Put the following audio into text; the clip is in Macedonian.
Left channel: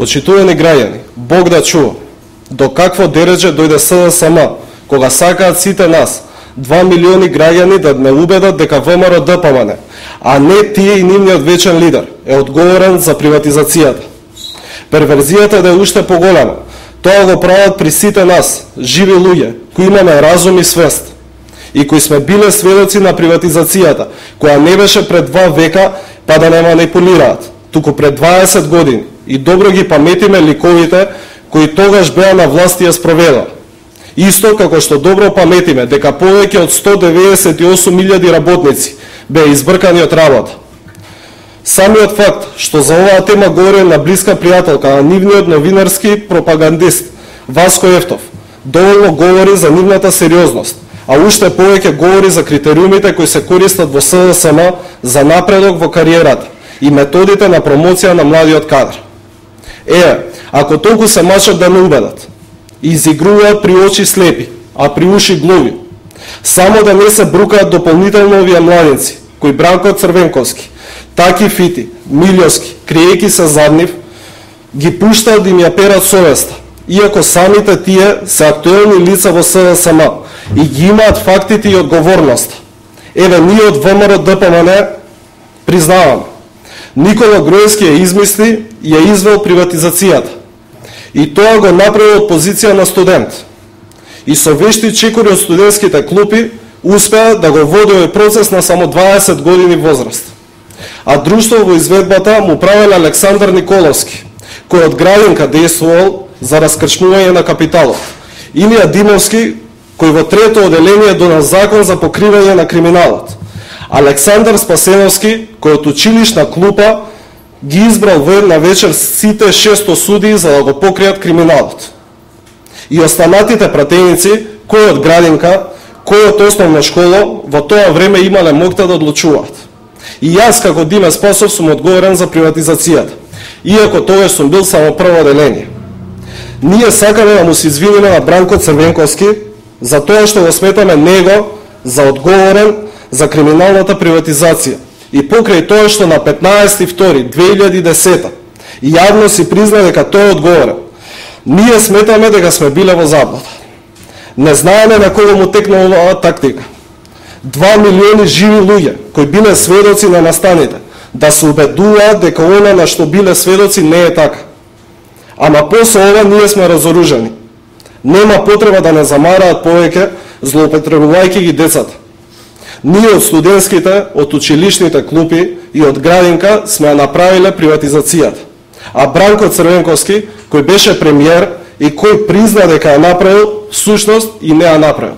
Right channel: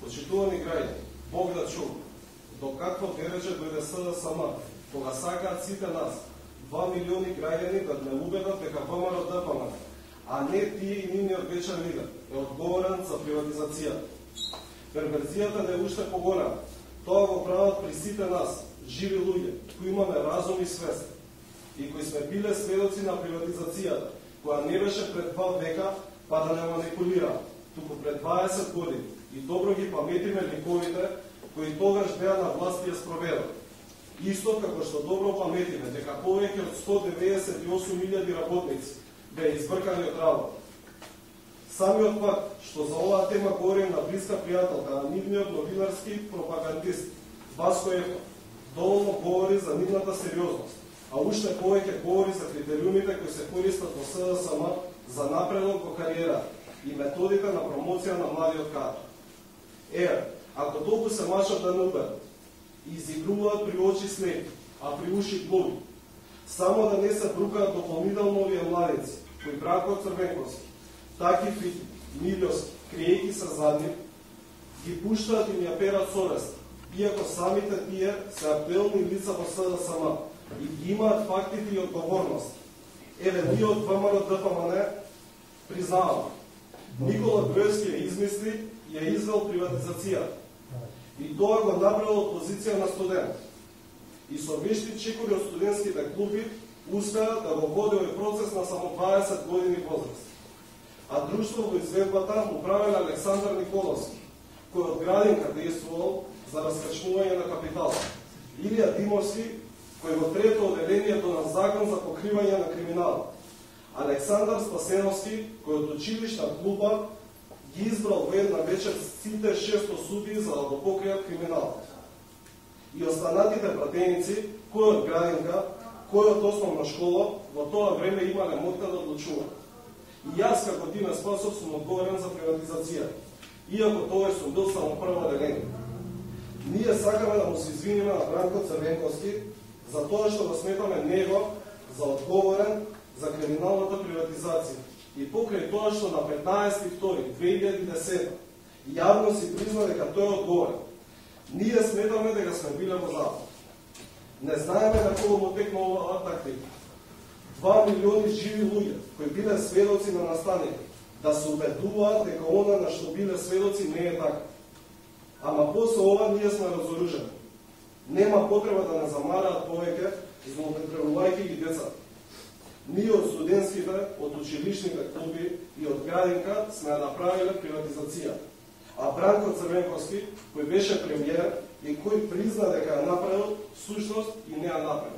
Почитувани граѓани, Бог да чува, до какво дередже дојде СДСМ, кога сакаат сите нас, 2 милиони граѓани да не убедат дека ВМРО ДПМН, а не тие и нивниот вечен лидер, е одговорен за приватизацијата. Перверзијата да е уште поголема. Тоа го прават при сите нас, живи луѓе, кои имаме разум и свест, и кои сме биле сведоци на приватизацијата, која не беше пред 2 века, па да не манипулираат, туку пред 20 години, и добро ги паметиме ликовите кои тогаш беа на власт и ја спроведаа. Исто како што добро паметиме дека повеќе од 198.000 работници беа избркани од работа. Самиот факт што за оваа тема говори на блиска пријателка на нивниот новинарски пропагандист Васко Ефтов доволно говори за нивната сериозност, а уште повеќе говори за критериумите кои се користат во СДСМ за напредок во кариерата и методите на промоција на младиот кадар. Ако толку се мачат да не убедат, изигруваат при очи слепи, а при уши глуви, само да не се брукаат дополнително овие младинци, кои Бранко Црвенковски, Таки Фити, Милјовски, криејки се зад нив, ги пуштаат да им ја перат совеста, иако самите тие се актуелни лица во СДСМ и ги имаат фактите и одговорност. Ние од ВМРО ДПМН признаваме. Никола Груевски ја измисли и ја извел приватизацијата. И тоа го направи од позиција на студент. И со вешти чекори од студентските клупи успеа да го води овој процес на само 20 години возраст. А друштво во изведбата му правел Александар Николовски, кој од градинка действувал за раскрчнување на капиталот. Илија Димовски, кој во трето оделение донес закон за покривање на криминалот. Александар Спасеновски, кој од училишна клупа ги избрал во една вечер сите 600 судии за да го покријат криминалот. И останатите пратеници, кој од градинка, кој од основна школа, во тоа време имале моќта да одлучуваат. И јас како Диме Спасов сум одговорен за приватизацијата, иако тогаш сум бил само прво оделение. Ние сакаме да му се извиниме на Бранко Црвенковски за тоа што го сметаме него за одговорен за криминалната приватизација. И покрај тоа што на 15.2.2010 јавно си призна дека тој е одговорен, ние сметаме дека сме биле во заблуда. Не знаеме на кого му текна оваа тактика. 2 милиони живи луѓе кои биле сведоци на настаните да се убедуваат дека она на што биле сведоци не е така. Ама после ова ние сме разоружени. Нема потреба да не замараат повеќе злоупотребувајќи ги децата. Ние од студентските, од училишните клупи и од градинка сме ја направиле приватизацијата. А Бранко Црвенковски, кој беше премиер и кој призна дека ја направил, всушност и не ја направил.